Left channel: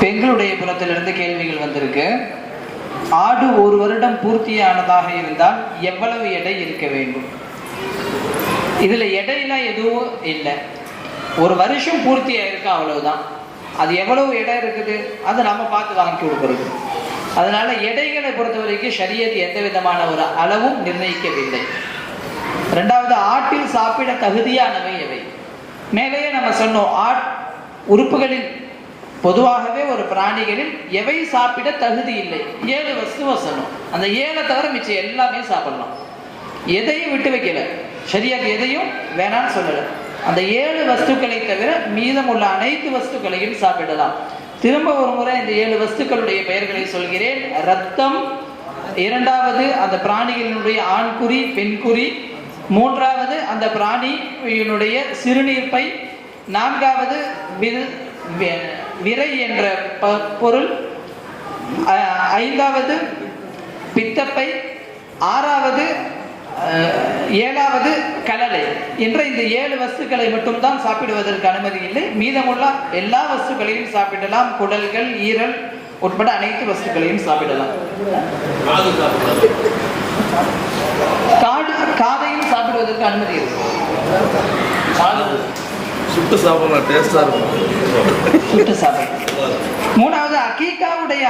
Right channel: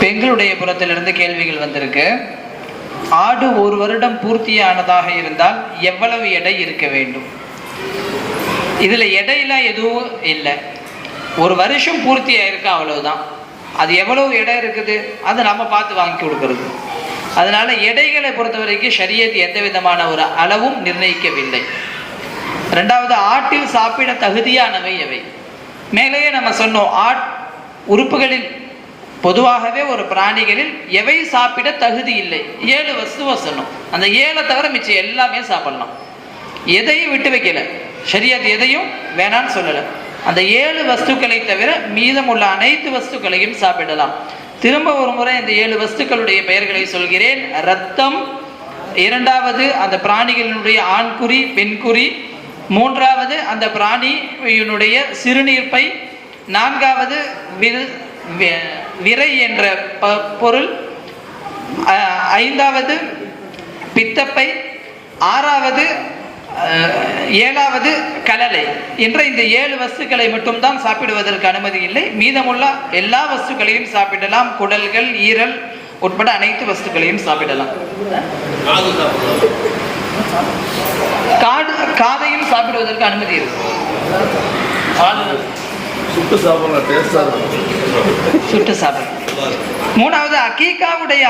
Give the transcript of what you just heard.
பெண்களுடைய புறத்திலிருந்து கேள்விகள் வந்திருக்கு. ஆடு ஒரு வருடம் பூர்த்தியானதாக இருந்தால் எவ்வளவு எடை இருக்க வேண்டும்? இதுல எடையெல்லாம் எதுவும் இல்லை. ஒரு வருஷம் பூர்த்தி ஆயிருக்கு அவ்வளவுதான். அது எவ்வளவு எடை இருக்குது? அதை நம்ம பார்த்து வாங்கி கொடுக்கறது. அதனால எடைகளை பொறுத்த வரைக்கும் ஷரியத் எந்த விதமான ஒரு அளவும் நிர்ணயிக்கவில்லை. ரெண்டாவது ஆட்டில் சாப்பிட தகுதியானவை எவை? மேலேயே நம்ம சொன்னோம் ஆட் உறுப்புகளில் பொதுவாகவே ஒரு பிராணிகளில் எவை சாப்பிட தகுதி இல்லை? ஏழு வஸ்துவை சொன்னோம் அந்த ஏழை தவிர மிச்சம் எல்லாமே சாப்பிடலாம். எதையும் விட்டு வைக்கல. ஷரியத் எதையும் வேணான்னு சொல்லல. அந்த ஏழு வஸ்துக்களை தவிர மீதமுள்ள அனைத்து வஸ்துக்களையும் சாப்பிடலாம். திரும்ப ஒரு முறை இந்த ஏழு வஸ்துக்களுடைய பெயர்களை சொல்கிறேன். ரத்தம் இரண்டாவது அந்த பிராணிகளினுடைய ஆண்குறி பெண்குறி மூன்றாவது அந்த பிராணியினுடைய சிறுநீர்ப்பை நான்காவது வில்- விரை என்ற ப- பொருள். ஐந்தாவது பித்தப்பை. ஆறாவது ஏழாவது கலலை. என்ற இந்த ஏழு வஸ்துக்களை மட்டும்தான் சாப்பிடுவதற்கு அனுமதி இல்லை. மீதமுள்ள எல்லா வஸ்துக்களையும் சாப்பிடலாம். குடல்கள் ஈரல் உட்பட அனைத்து வஸ்துக்களையும் சாப்பிடலாம். காடு காதையும் சாப்பிடுவதற்கு அனுமதி இருக்கு சுட்டு சாப்பிடலாம் டேஸ்டாக இருக்கும். சுட்டு சாப்பிடலாம். மூணாவது அகீகாவுடைய